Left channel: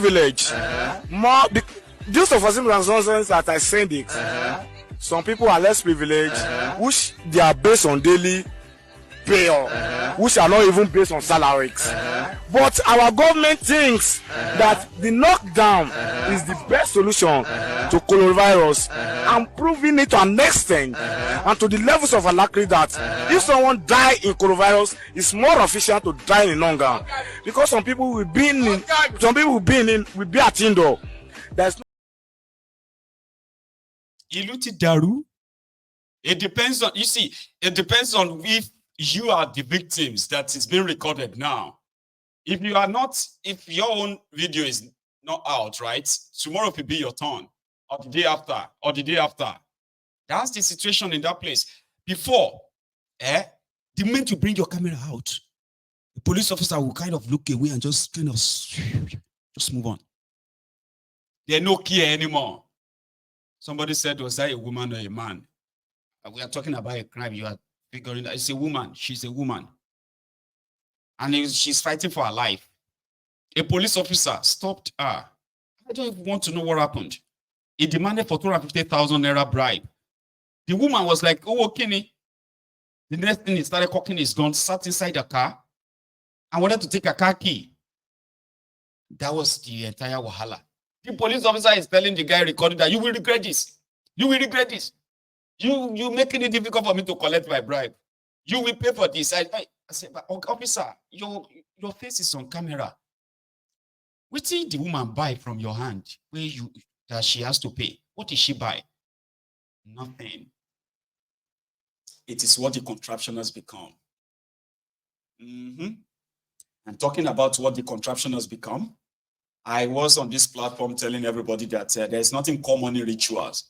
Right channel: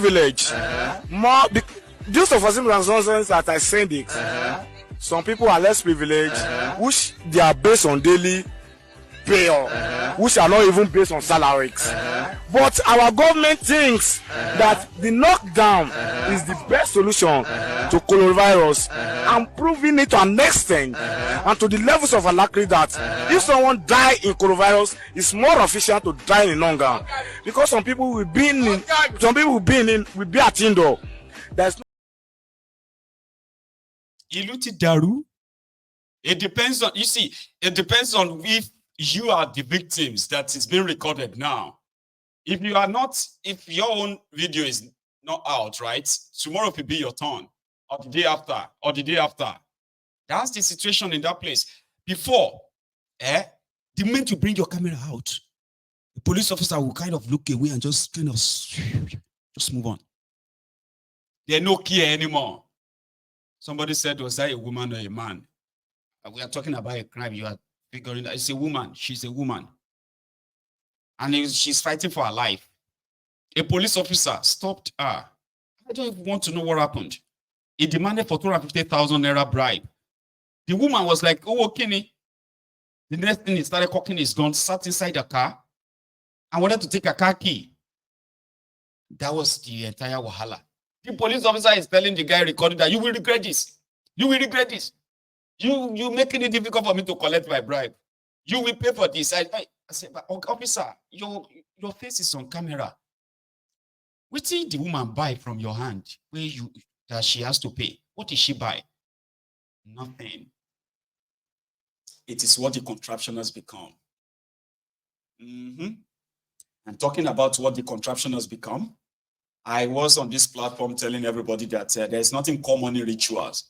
privilege. Just for simple reasons that I said it. Some people are less privileged, which they are based on daily pay, which are not even based on salaries. But our government thinks that the knockdown is the best solution to coronavirus, and proving it to an extent and to the levels of alacrity that if someone die in coronavirus, it's more efficient to die in longer, because some people will be at indoor. There's no Iluti Daru. It depends on, you see, it depends on if you are the victims that is being recorded now. If you are not, if your own video is not out, right? Tomorrow will be your turn, or the day after, or the day after. That's the situation in that place. Before, the moment you bring your camera out, the police officer will kind of look away and just kind of just move on. They're no care anymore. Somebody said, was that a woman or a man? We are talking about a crime. You are figuring that it's a woman. She's a woman. And she's fighting for her life. A police officer stopped her. I don't even want to know what happened. He demanded for 250,000 naira bribe. The woman was like, oh, okay. The next thing he started cocking his gun, sat inside the car, and wanted to take a car key. That was the entire wahala. The police officer is telling the guy recording that you will regret this. You will regret this. You making it difficult for me to collect my bribe. You will pay for this. I said, but officer, your face is on camera. What did the woman buy from your hand that she has to pay? What did she buy? Nothing. It is what the contraption has become. And talking about what the contraption has become, I was on this platform telling everybody that there's nothing common in rituals.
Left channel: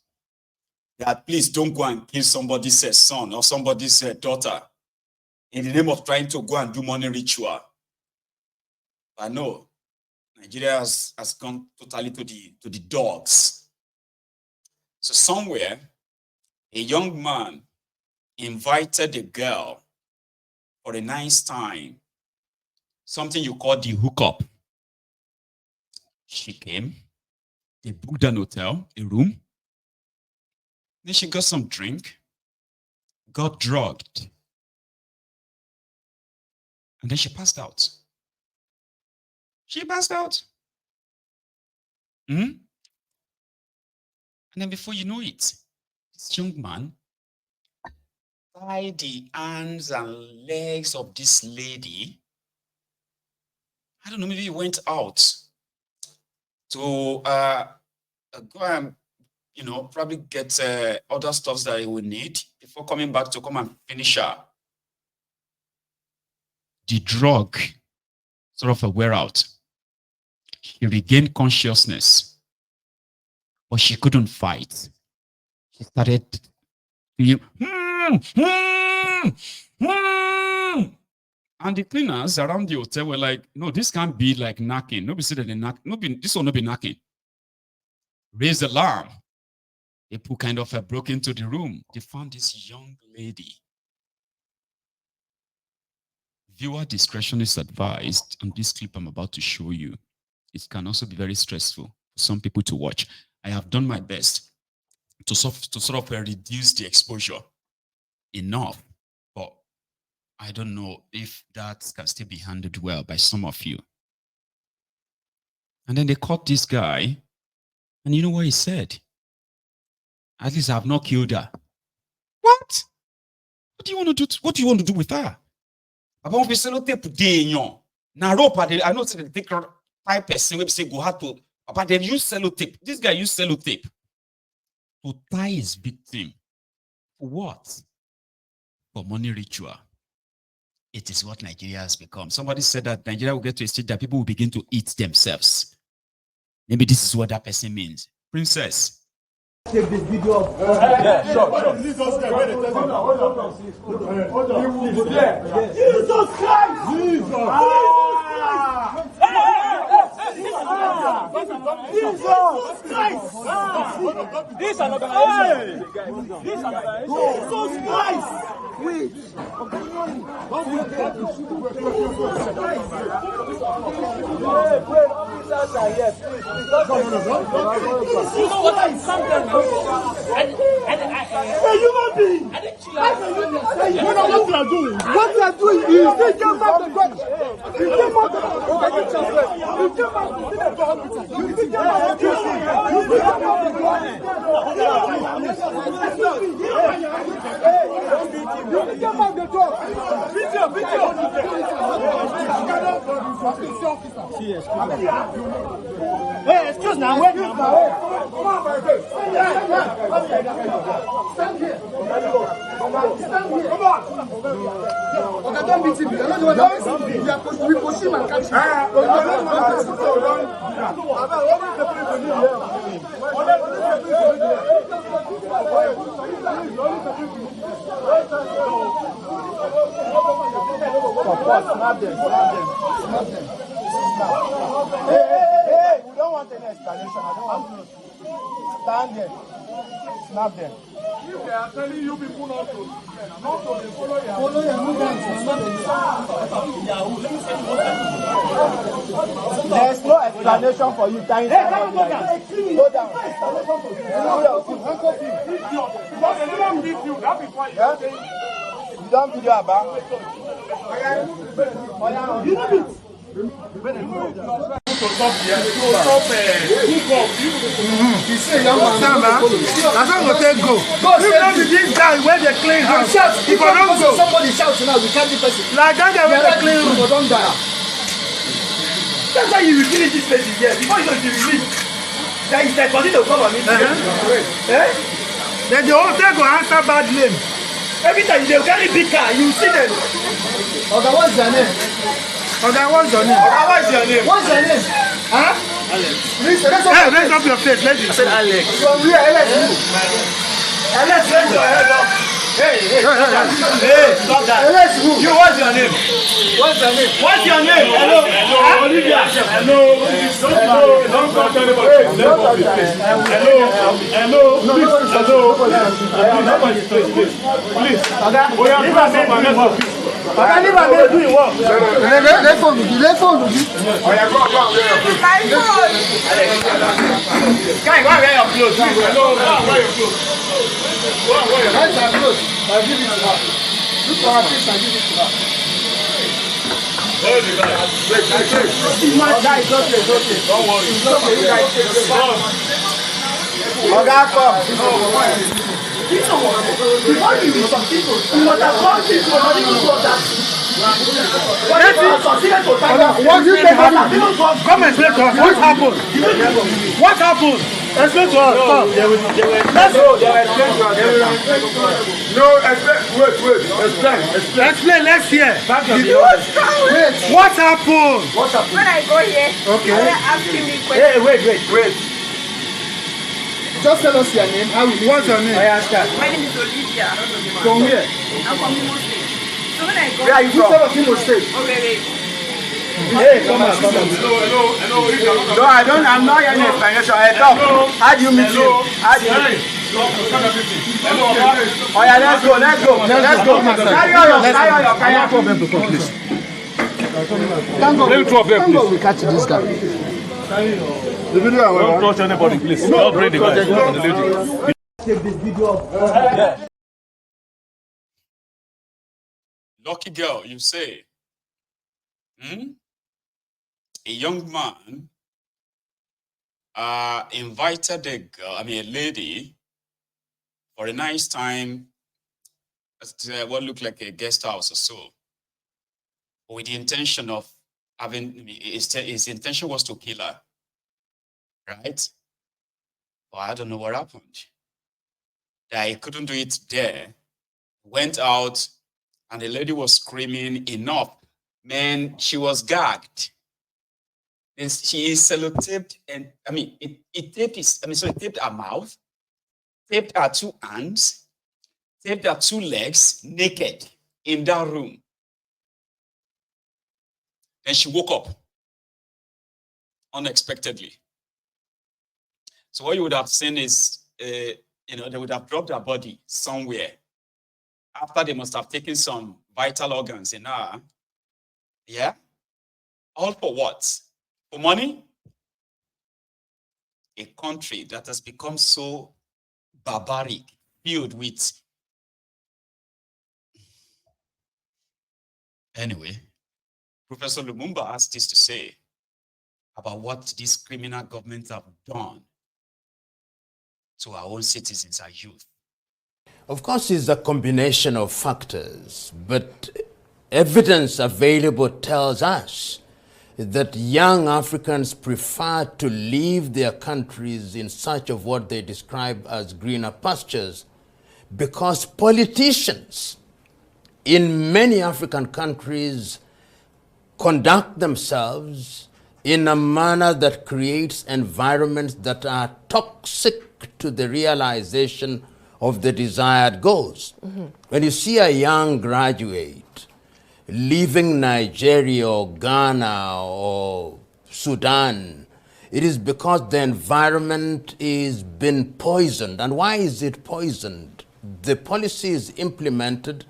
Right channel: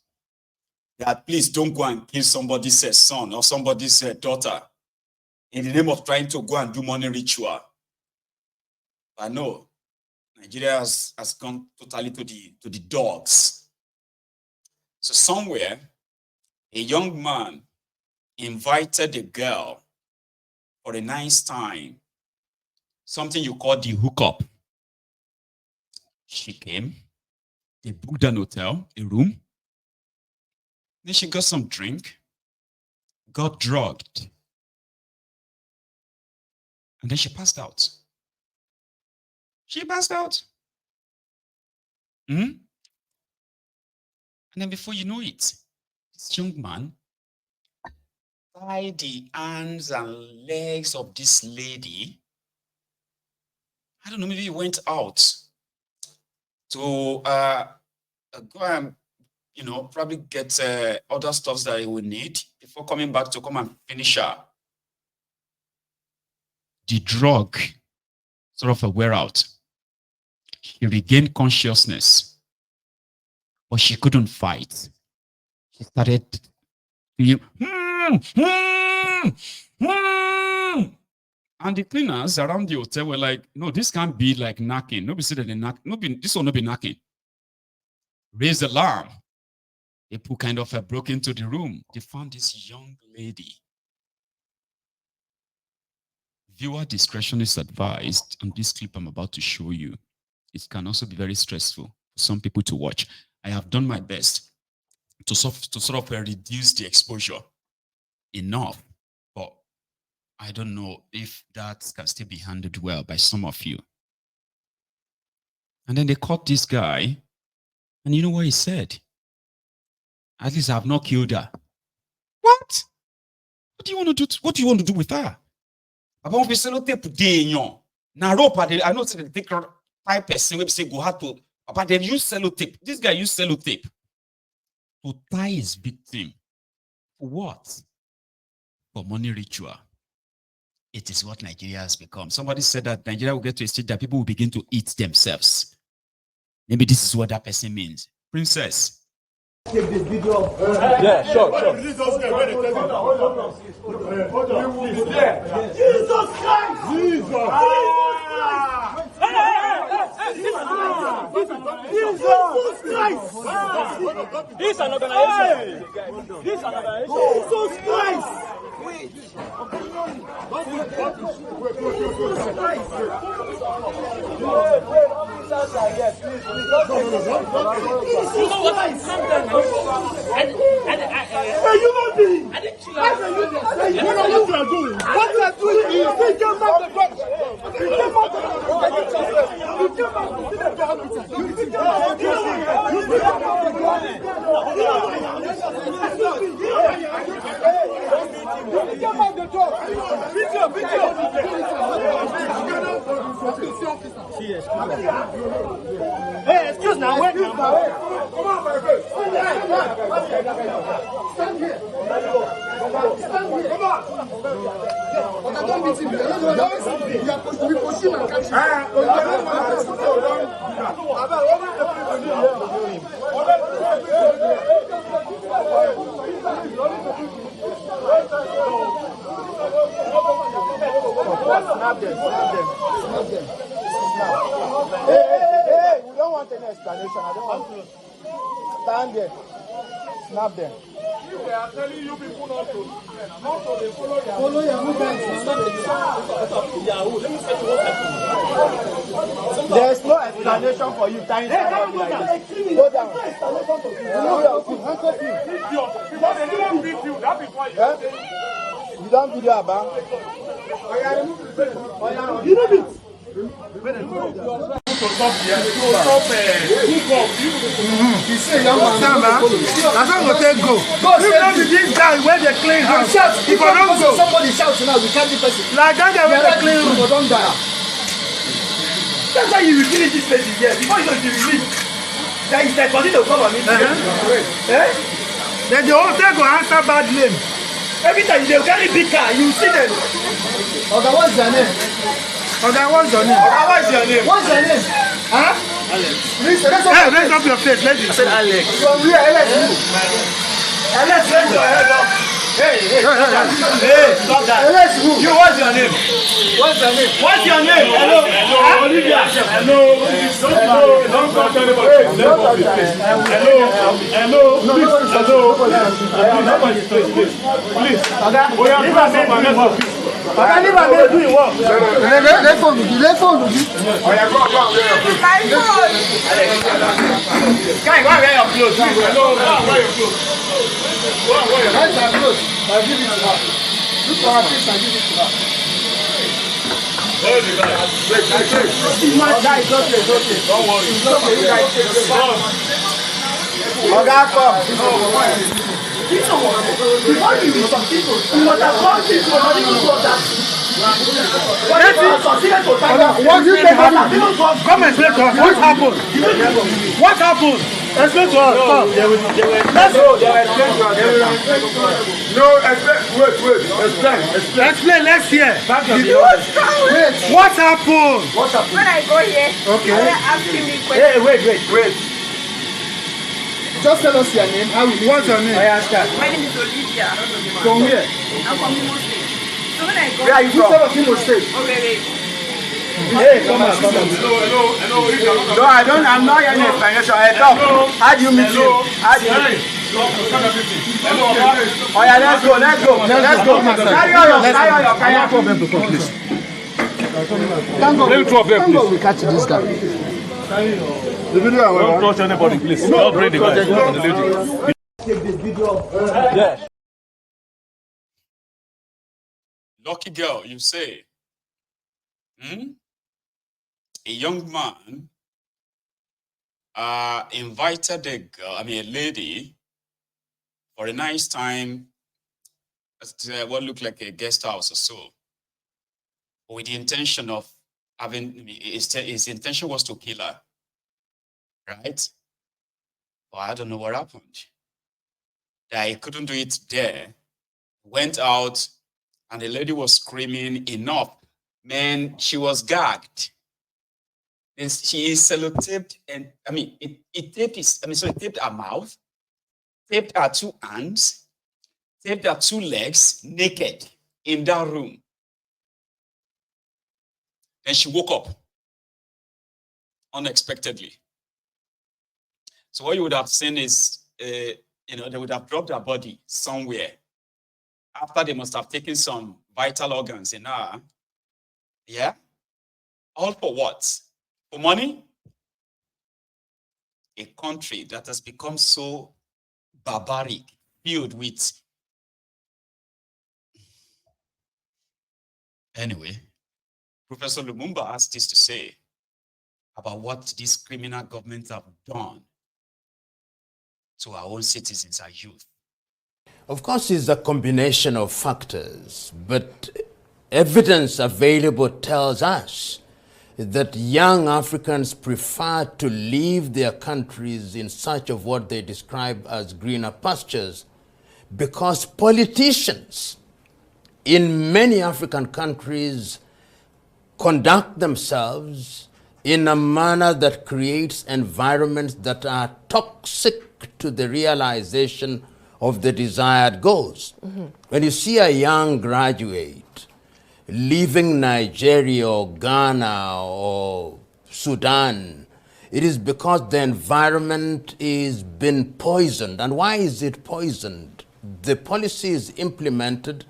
That please don't go and kill somebody's son or somebody's daughter in the name of trying to go and do money ritual. But no, Nigeria has gone totally to the dogs. So somewhere, a young man invited a girl for a nice time, something you call the hookup. She came, they booked an hotel, a room. Then she got some drink, got drugged, and then she passed out. She passed out. And then before you know it, this young man tied the hands and legs of this lady. I don't know, maybe he went out to go and, probably get other stuff that he would need before coming back to come and finish her. The drug sort of wear out. She regained consciousness, but she couldn't fight. She started and the cleaners around the hotel were like, no, this can't be like knocking. Nobody said that they knock. This will not be knocking. Raised the alarm. People kind of broke into the room. They found this young lady. Viewer discretion is advised on this clip I'm about to show you. It can also be very stressful for some people to watch. I have done my best to sort of reduce the exposure enough, but I don't know if that can still be handled well by some of you. And then they caught this guy, and you know what he said? At least I have not killed her. What? What do you want to do? What do you want to do with her? About we say no tape day, now rope. I know they take 5% we say go hard to, but they use sellotape. This guy used sellotape to tie his victim. For what? For money ritual. It is what Nigeria has become. Somebody said that Nigeria will get to a stage that people will begin to eat themselves. Maybe this is what that person means. Princess. Take this video. Jesus Christ! Jesus! This is an organization. Jesus Christ! You know what I'm saying? Human being! You know what you are doing? What you are doing is you came back the judge. You came back to see the judge. You came back to see excuse me, wait. Stand here. Come on. Don't beat him. We push him and catch him. Snap them. Hey, we don't want any explanation. Stand there. Snap them. They are telling you people not to follow Yahoo guys. There is no explanation for you. Time. You don't video about. You know it. He say young man, that's not going to go. You know this guy where they clean house. If I don't go, somebody shouts now. We can't be person. Like that guy where they clean room. Don't die. That's why you will finish this place here. Before you release, then he said, continue to come on me. Then the whole thing go answer bad name. Every time they carry big car, you see them. Okay, what's your name? Okay, what's your name? Okay, what's your name? What's your name? Huh? Alex. Hey, raise up your face. Let's see. I said Alex. From where? Alex. Alex, raise your head up. Hey, stop that. Alex, who? You, what's your name? What's your name? What's your name? Hello. Olivia. Hello. Don't talk to anybody. Hello. Nobody please. Come and explain to us what happened. What happened? Explain to us. Let's go. No, explain. Explain. Let's hear. What happened? When I go here, okay. They're asking me questions. Hey, wait. Just tell us your name. What's your name? My name is Olivia. From here? I'm from Imo State. So when I go, Where are you from? Imo State. okay. Hey, come on. Hello. No, I'm not hearing explanation. How do you meet him? Oh yeah, let's go. Carry on. Problem to come, please. Thank God we catch this guy. The video, don't touch anybody, please. Don't bring the guy. Take this video. Lucky girl, you say. A young man invited a lady for a nice time at what looked like a guest house or so, with the intention of his intention was to kill her, right? But I don't know what happened. That he couldn't do it there. Went out, and the lady was screaming, "Enough!" Man, she was gagged. And she is sellotaped, and it taped her mouth, taped her two hands, taped her two legs naked in that room. Then she woke up. unexpectedly. So what you would have seen is, they would have dropped their body somewhere after they must have taken some vital organs in her. Yeah? All for what? For money? A country that has become so barbaric, filled with... Anyway, Professor Lumumba has this to say about what these criminal governments have done to our own citizens, our youth. Of course, it's a combination of factors, but evidence available tells us that young Africans prefer to leave their countries in search of what they describe as greener pastures because politicians in many African countries conduct themselves in a manner that creates environments that are toxic to the realization of the desired goals. When you see a young graduate leaving Nigeria or Ghana or Sudan, it is because the environment is been poisoned. And why is it poisoned? The policy is implemented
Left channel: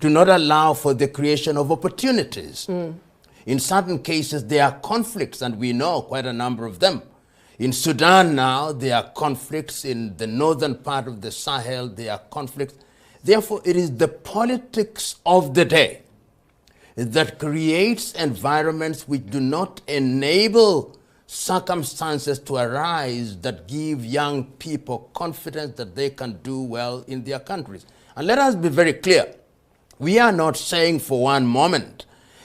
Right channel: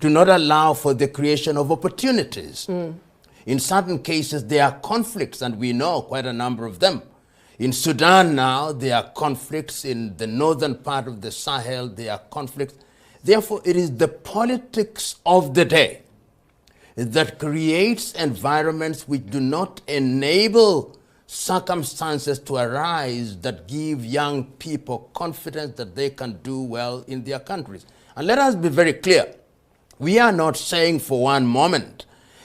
to not allow for the creation of opportunities. In certain cases, there are conflicts, and we know quite a number of them. In Sudan now, there are conflicts. In the northern part of the Sahel, there are conflicts. Therefore, it is the politics of the day that creates environments which do not enable circumstances to arise that give young people confidence that they can do well in their countries. And let us be very clear. We are not saying for one moment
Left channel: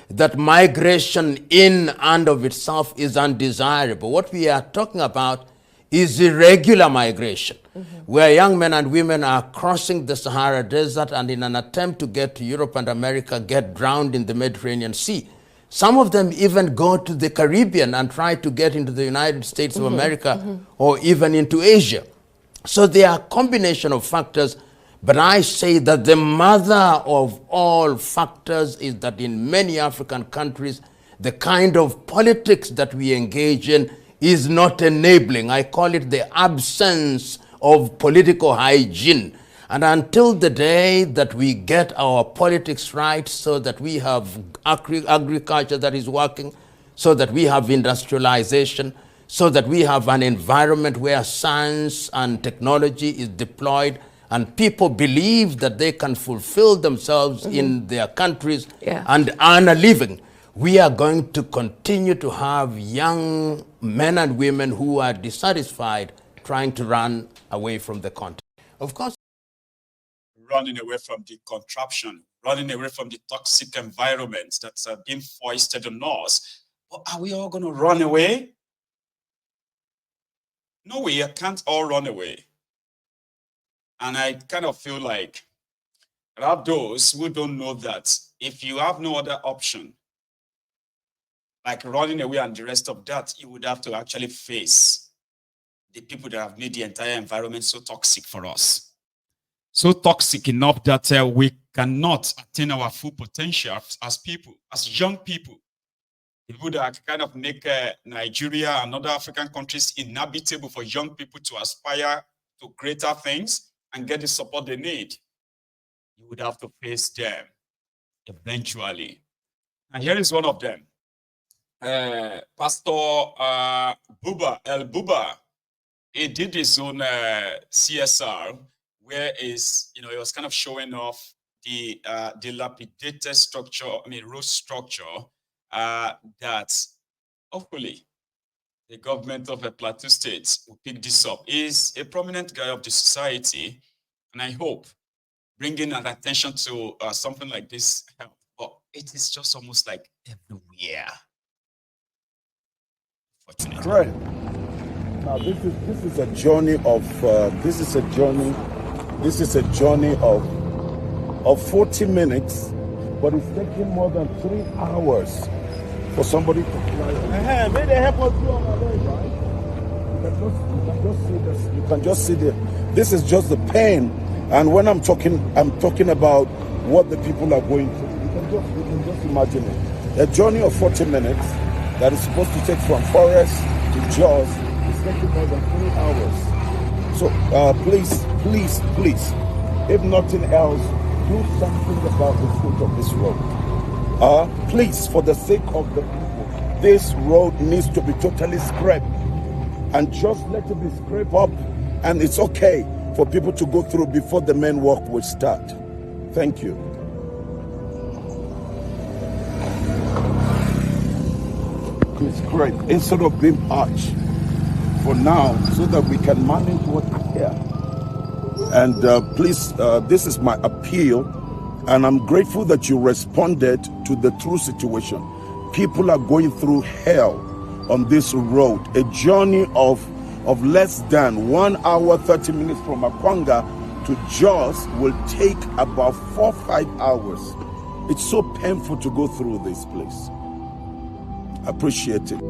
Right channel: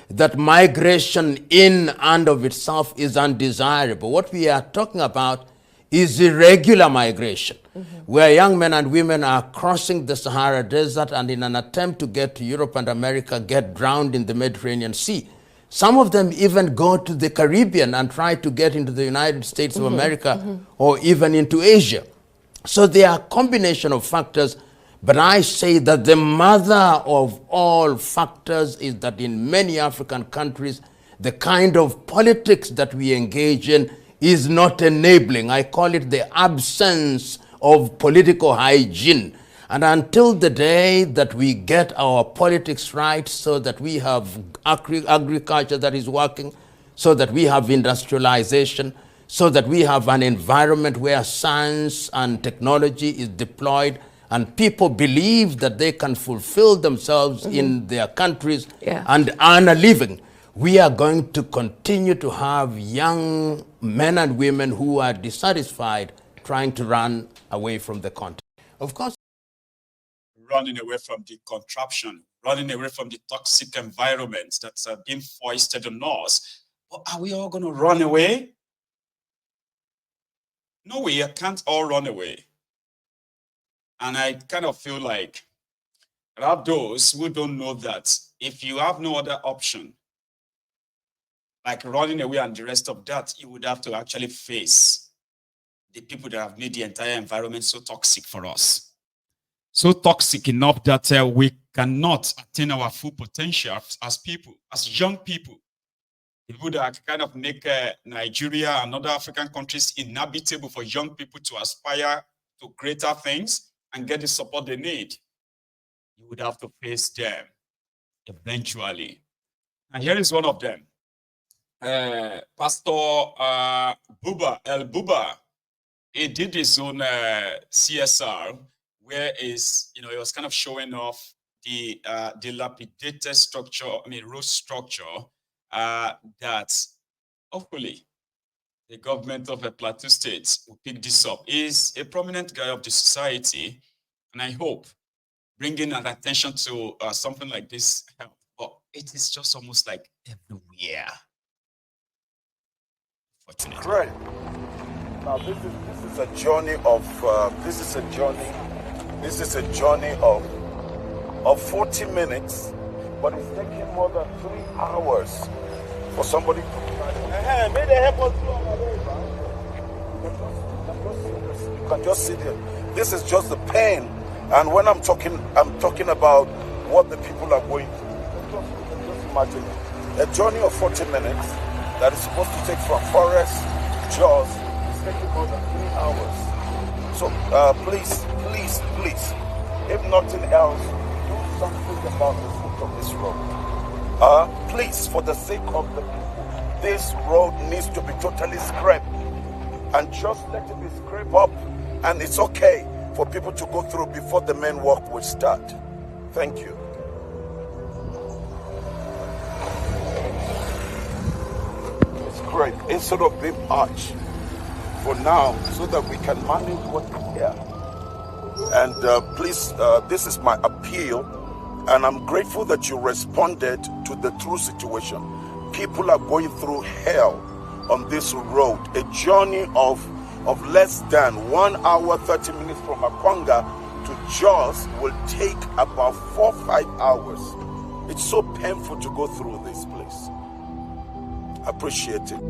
that migration in and of itself is undesirable. What we are talking about is irregular migration, where young men and women are crossing the Sahara Desert and in an attempt to get to Europe and America get drowned in the Mediterranean Sea. Some of them even go to the Caribbean and try to get into the United States of America or even into Asia. So there are a combination of factors, but I say that the mother of all factors is that in many African countries, the kind of politics that we engage in is not enabling. I call it the absence of political hygiene. And until the day that we get our politics right, so that we have agriculture that is working, so that we have industrialization, so that we have an environment where science and technology is deployed, and people believe that they can fulfill themselves in their countries and earn a living, we are going to continue to have young men and women who are dissatisfied trying to run away from the continent. Of course, running away from the contraption, running away from the toxic environment that's being foisted on us. But are we all going to run away? No, we can't all run away. And I kind of feel like there are those who don't know that if you have no other option, like running away and the rest of that, you would have to actually face the people that have made the entire environment so toxic for us. So toxic enough that we cannot attain our full potential as people, as young people. People that kind of make Nigeria and other African countries inhabitable for young people to aspire to greater things and get the support they need. You would have to face them eventually. And here is one of them. Pastor Buba, he did his own CSR, where he was kind of showing off the dilapidated structure, road structure that hopefully the government of a Plateau State will pick this up. He's a prominent guy of the society, and I hope bringing an attention to something like this help. But it is just almost like everywhere. Right. Now this is a journey of this is a journey of 40 minutes, but it's taking more than 3 hours for somebody to fly. You can just see this is just the pain, and when I'm talking about what the people are going through. You can just imagine it. A journey of 40 minutes. that is supposed to take from Forest to Jaws is taking more than 3 hours. So please, please, please, if nothing else, do something about the state of this road. Please, for the sake of the people, this road needs to be totally scraped. And just let it be scraped up, and it's okay for people to go through before the main work will start. Thank you. It's great, instead of being patched for now, so that we can manage what we can. And please, this is my appeal, and I'm grateful that you responded to the true situation. People are going through hell on this road. A journey of less than 1 hour, 30 minutes from Akwanga to Jos will take about 4 or 5 hours. It's so painful to go through this place. Appreciate it.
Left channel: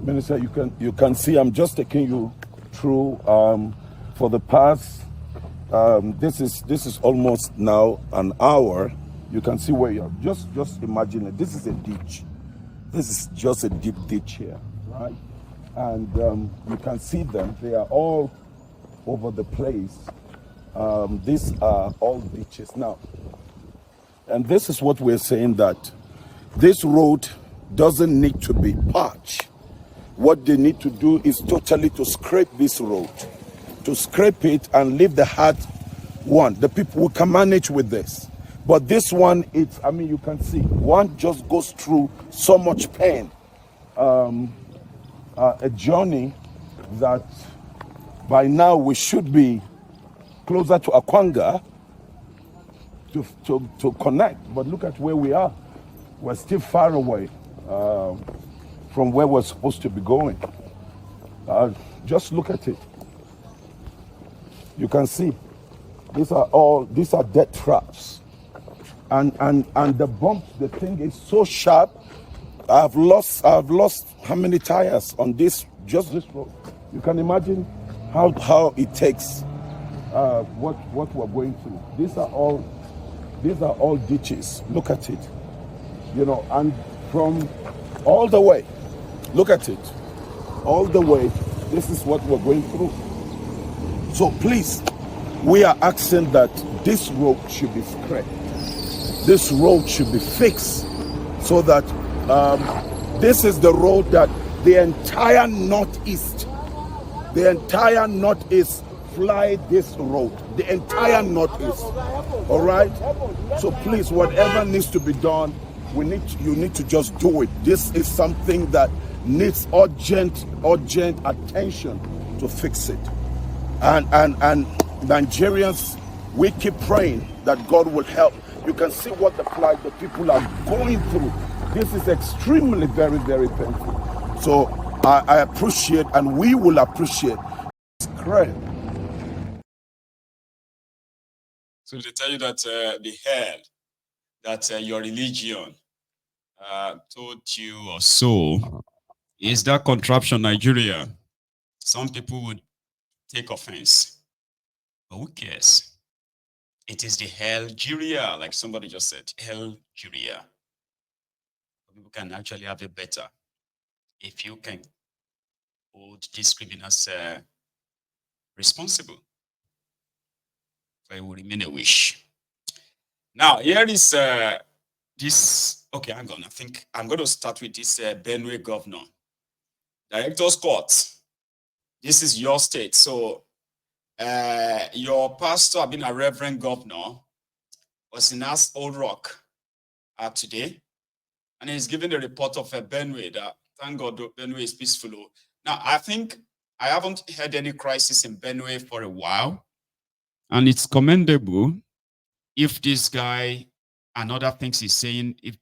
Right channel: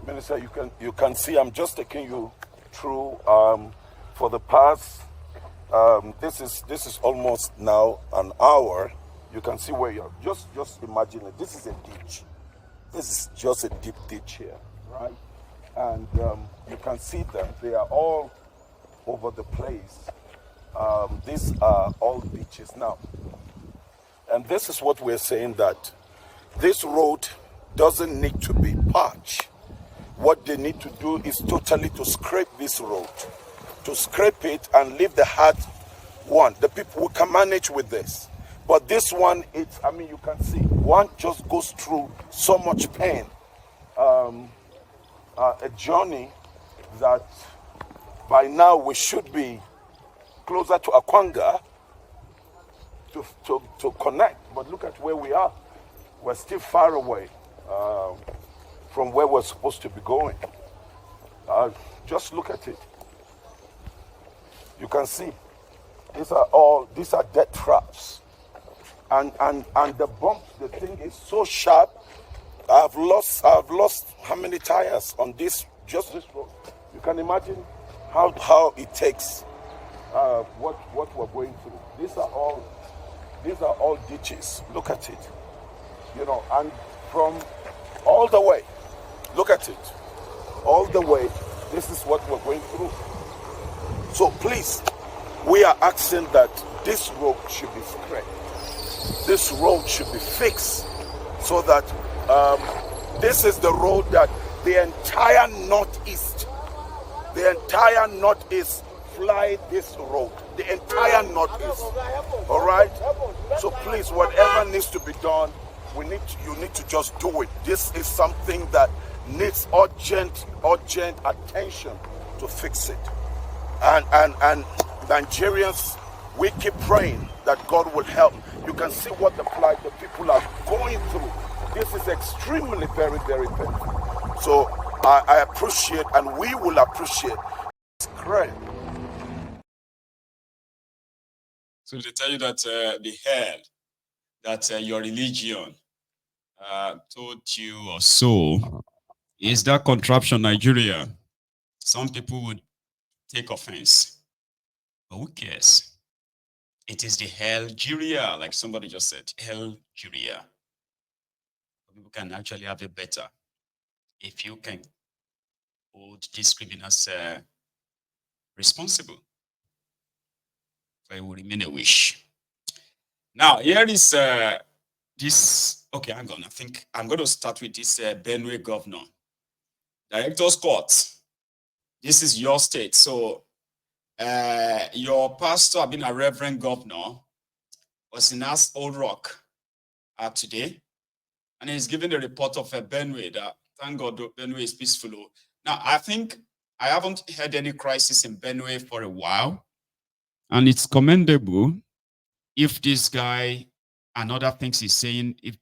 Minister, you can see I'm just taking you through for the past. This is almost now an hour. You can see where you are. Just imagine it. This is a ditch. This is just a deep ditch here, right? And you can see them. They are all over the place. These are all ditches now. And this is what we're saying, that this road doesn't need to be patched. What they need to do is totally to scrape this road, to scrape it and leave the hard one. The people who can manage with this. But this one, it's, I mean, you can see, one just goes through so much pain. A journey that by now we should be closer to Akwanga to connect. But look at where we are. We're still far away from where we're supposed to be going. Just look at it. You can see these are death traps. And the bump, the thing is so sharp. I've lost how many tires on this, just this road. You can imagine how it takes what we're going through. These are all ditches. Look at it. You know, and from all the way, look at it. All the way, this is what we're going through. So please, we are asking that this road should be scraped. This road should be fixed so that this is the road that the entire Northeast fly this road. The entire Northeast. All right? So please, whatever needs to be done, you need to just do it. This is something that needs urgent attention to fix it. And Nigerians, we keep praying that God will help. You can see what the people are going through. This is extremely, very, very painful. So I appreciate, and we will appreciate. It's great. So they tell you that the hell that your religion told you or so is that contraption Nigeria. Some people would take offense, but who cares? It is the Algeria, like somebody just said, Algeria. People can actually have it better if you can hold these criminals responsible. So it will remain a wish. Now, here is this. Okay, hang on. I think I'm going to start with this Benue governor. Director's Court. This is your state. So your pastor, being a reverend governor, was in Old Rock today. And he's giving a report of Benue that, thank God, Benue is peaceful. Now, I think I haven't had any crisis in Benue for a while. And it's commendable if this guy and other things he's saying, if